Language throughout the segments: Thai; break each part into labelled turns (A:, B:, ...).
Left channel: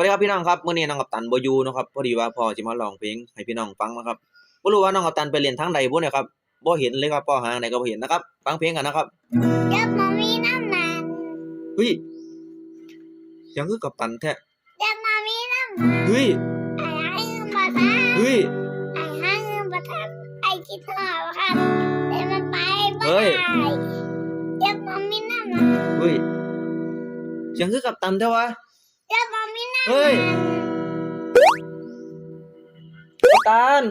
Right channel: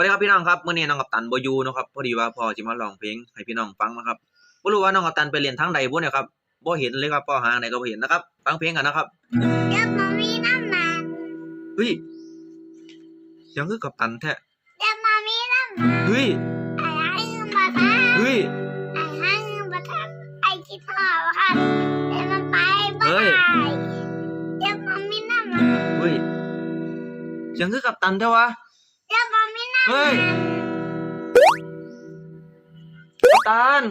A: วัสดีครับพี่น้องครับมื้อนี้น้องกัปตันบ่อยู่เนาะครับพอดีว่าพ่อสิมาร้องเพลงให้พี่น้องฟังนะครับบ่รู้ว่าน้องกัปตันไปเรียนทางใดบ่เนี่ยครับบ่เห็นเลยครับพ่อหาไหนก็บ่เห็นนะครับฟังเพลงกันนะครับ
B: เดี๋ยวมามีน้ำมัน
A: เฮ้ยเสียังคือกัปตันแท้
B: เดี๋ยวมามีน้ำมัน
A: เฮ้ย
B: ไอ้ให้เงินมาท
A: เฮ้ยำ
B: ไอ้ให้เงินมาทำไอ้คิดหอบค่ะเดี๋ยวมันไปบ้า
A: เฮ้ย
B: เดี๋ยวมามีน้ำมัน
A: เฮ้ยเสียังคือกัปตันแท้วะ
B: เดี๋ยวมามีน้ำ
A: เฮ้
B: มั
A: ย
B: น
A: กัปตัน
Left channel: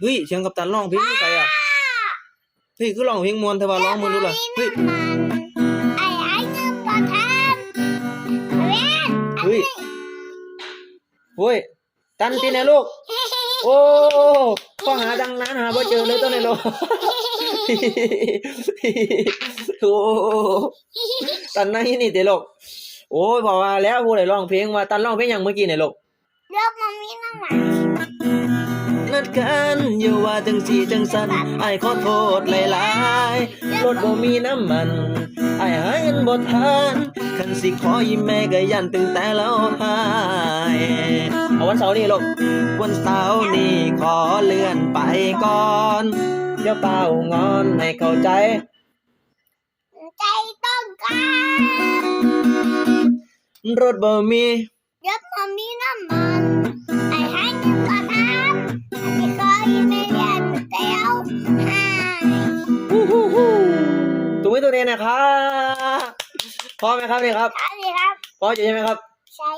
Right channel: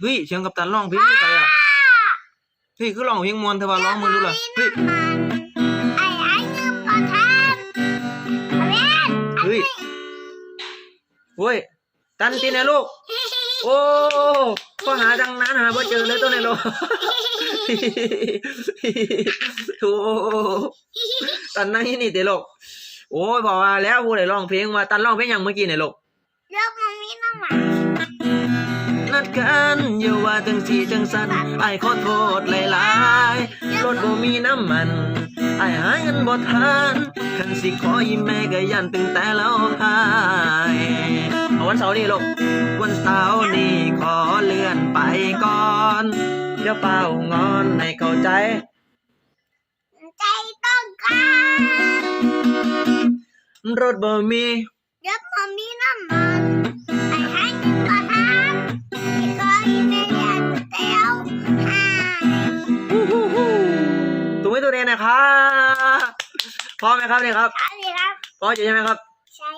A: เฮ้ยเสียงกัปตันร้องเพลงคือไสอะเฮ้ยคือร้องเพลงม่วนแต่ว่าร้องมึงดูล่ะเฮ้ย
B: ไอ้ให้เงินมาทำเว้น
A: เฮ้ยเฮ้ยตันตินะลูก โอ้พอหาดังนั้นหาบ่เจอเลยตัวในโลกโอ้ตันนั่งที่นี่เตลูก โอ้ยพอมาแล้วผู้ใดร้องเพลงว่าตันร้องเพลงหยังเมื่อกี้เนี่ยลูก
B: เดี๋ยวมามีน้ำมัน
A: นัดกันอย่าว่าจังสีจังสันไอ้ายขอโทษหลายๆรถบ่มีน้ำมันไอ้ายหาเงินบ่ทันคันสิขอยิ้มแม่ก็ยันตึงแต่แล้วหายเอาวันเสาร์นี่ลูกวันเสาร์นี้ขอเลื่อนไปก่อนเดี๋ยวเป่างอนให้เข้าใจ
B: ใจต้องการ
A: รถบ่มี
B: เดี๋ยวมามีน้ำมันไอ้ให้เงินมาทำไอ้ก็ยิ้มไม่ยันเตียวหาย
A: ฮู้ฮู้ฮู้ถูกไหมตัวเองนะครับพร้อมไหมครับเนี่ยครับ
B: ครับสิครับ
A: พร้อมอยู่ใช่ไหมครับ
B: ใช่